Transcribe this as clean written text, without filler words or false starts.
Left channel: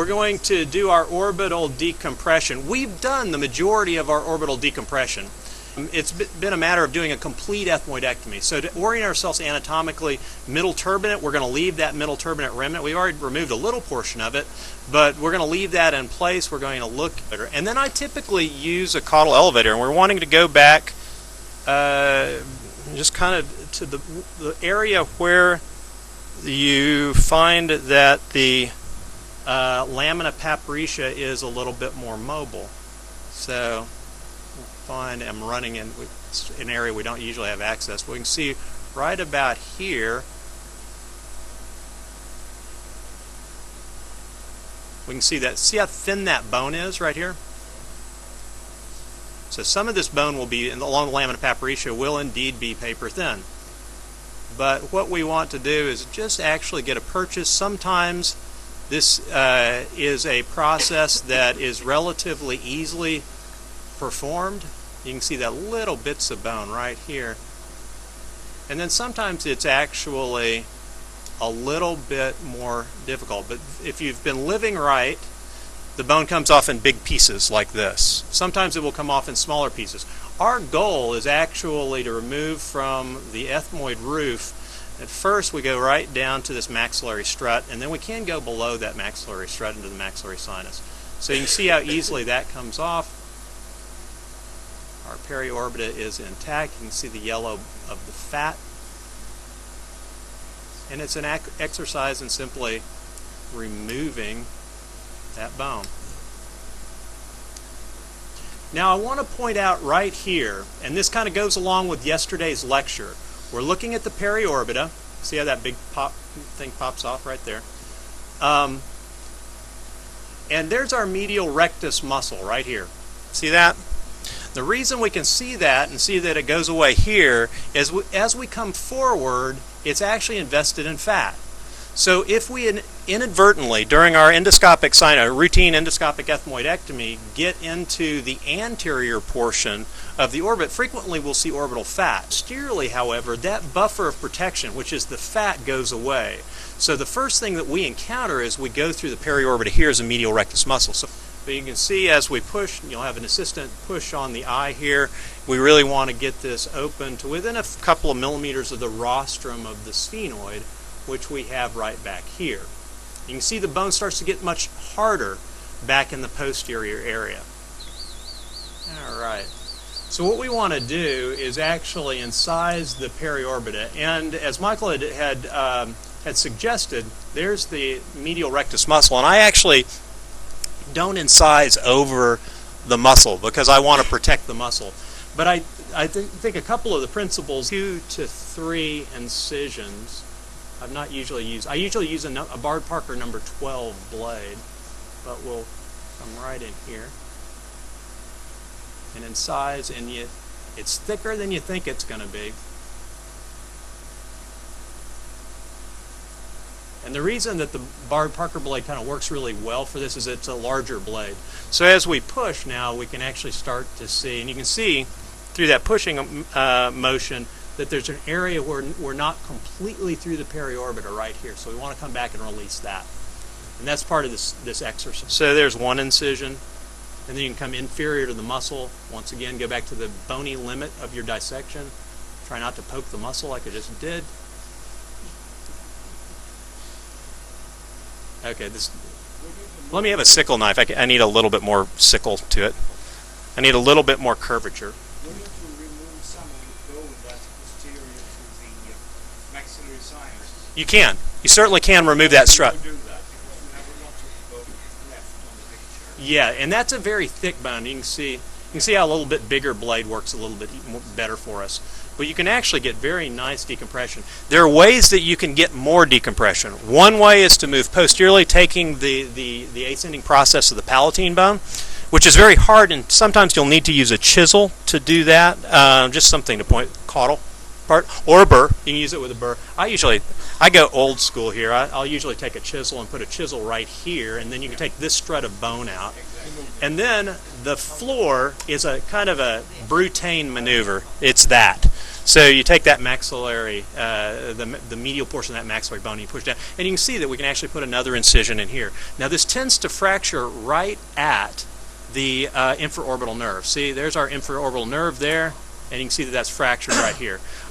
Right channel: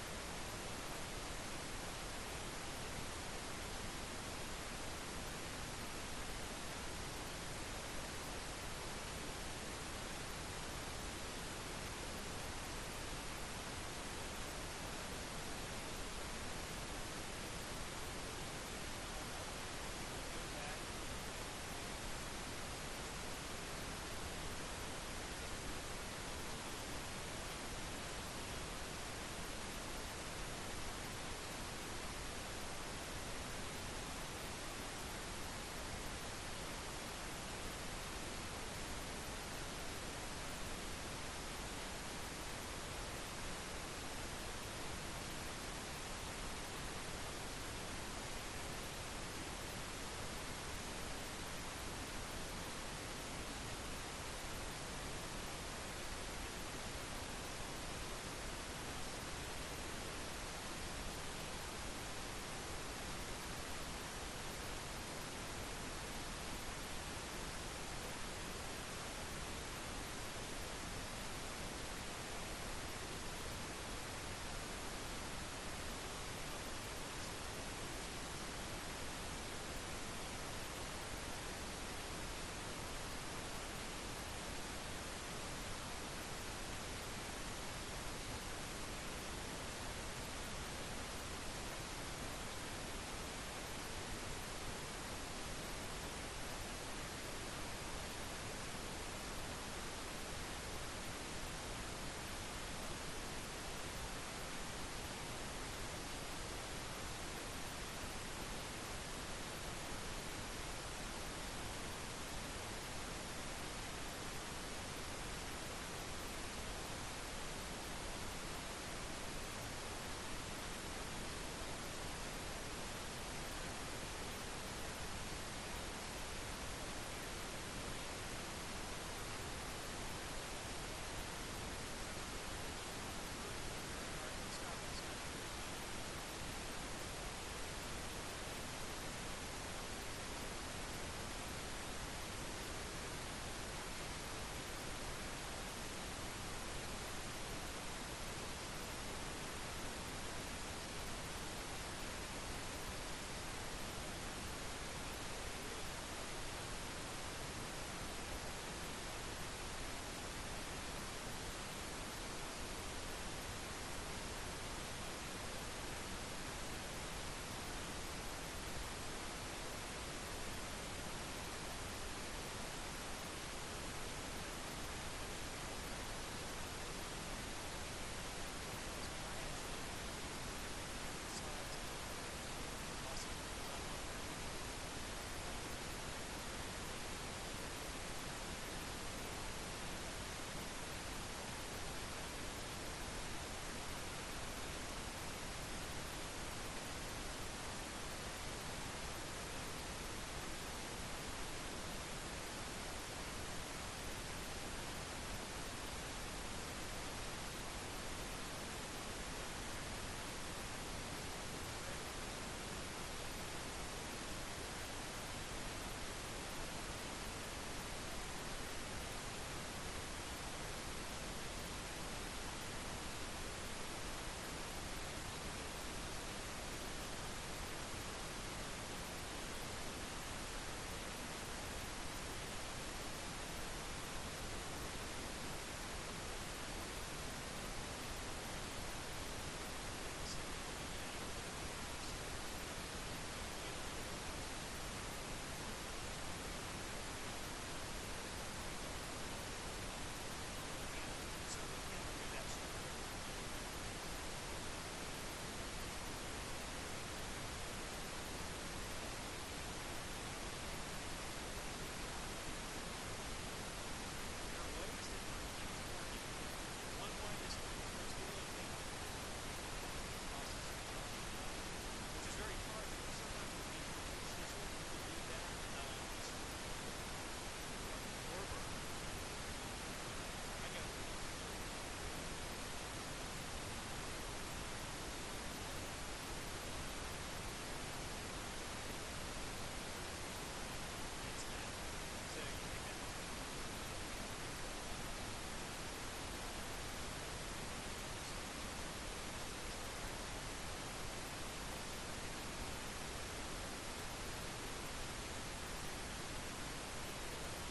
we're going to do our orbital decompression. We've done the majority of our orbital decompression. It's been a matter of doing a complete ethmoidectomy. So to orient ourselves anatomically, middle turbinate, we're going to leave that middle turbinate remnant. We've already removed a little portion of it, but we're going to leave that in place. We're going to look at it. And then I typically use a caudal elevator, and we're wanting to go back just kind of to the area where you find that the lamina papyrica is a little bit more mobile. So I'm running in an area we don't usually have access. We can see right about here, we can see that. See how thin that bone is right here? So some of this bone will be along the lamina papyrica will indeed be paper thin. But what we want to do is just actually get a purchase. Sometimes this is a process that is relatively easily performed. You can see that little bits of bone right here. And then sometimes it's actually a little bit more difficult. But if you've been living right, the bone comes off in big pieces like this. Sometimes it will come off in smaller pieces. Our goal is actually to remove from the ethmoid roof. At first we go right down to this maxillary strut, and then we can go below that maxillary strut into the maxillary sinus. So you can see how easily that comes off. Our periorbita is intact. You can see the yellow of the fat. And it's an exercise in simply removing that bone. Now I want to point out right here, and this kind of goes along with yesterday's lecture. We're looking at the periorbita. See how that big thing pops off right there? And there's our medial rectus muscle right here. See that? The reason we can see that and see that it goes away here is as we come forward, it's actually invested in fat. So if we inadvertently, during our endoscopic routine endoscopic ethmoidectomy, get into the anterior portion of the orbit, frequently we'll see orbital fat. Posteriorly, however, that buffer of protection, which is the fat, goes away. So the first thing that we encounter as we go through the periorbita here is a medial rectus muscle. So you can see as we push, you'll have an assistant push on the eye here. We really want to get this open to within a couple of millimeters of the rostrum of the sphenoid, which we have right back here. You can see the bone starts to get much harder back in the posterior area. All right. So what we want to do is actually incise the periorbita, and as Michael had suggested, there's the medial rectus muscle, and I actually don't incise over the muscle because I want to protect the muscle. But I think a couple of the principles, 2 to 3 incisions. I usually use a Bard Parker number 12 blade, but we'll come right in here and incise, and it's thicker than you think it's going to be. And the reason that the Bard Parker blade kind of works really well for this is it's a larger blade. So as we push now, we can actually start to see, and you can see through that pushing motion that there's an area where we're not completely through the periorbita right here. So we want to come back and release that. And that's part of this exercise. So there's one incision, and then you can come inferior to the muscle. Once again, go back to the bony limit of your dissection. Try not to poke the muscle like I just did. Okay, let me have a sickle knife. I need a little bit more sickle to it. I need a little bit more curvature. You can. You certainly can remove that strut. Yeah, and that's a very thick bone. You can see how a little bit bigger blade works a little bit better for us. But you can actually get very nice decompression. There are ways that you can get more decompression. One way is to move posteriorly, taking the ascending process of the palatine bone, which is very hard, and sometimes you'll need to use a chisel to do that. Just something to point, caudal part, or a burr. You can use it with a burr. I go old school here. I'll usually take a chisel and put a chisel right here, and then you can take this strut of bone out. And then the floor is a kind of a Brutane maneuver. It's that. So you take that maxillary, the medial portion of that maxillary bone, and you push down, and you can see that we can actually put another incision in here. Now this tends to fracture right at the infraorbital nerve. See, there's our infraorbital nerve there, and you can see that that's fractured right here.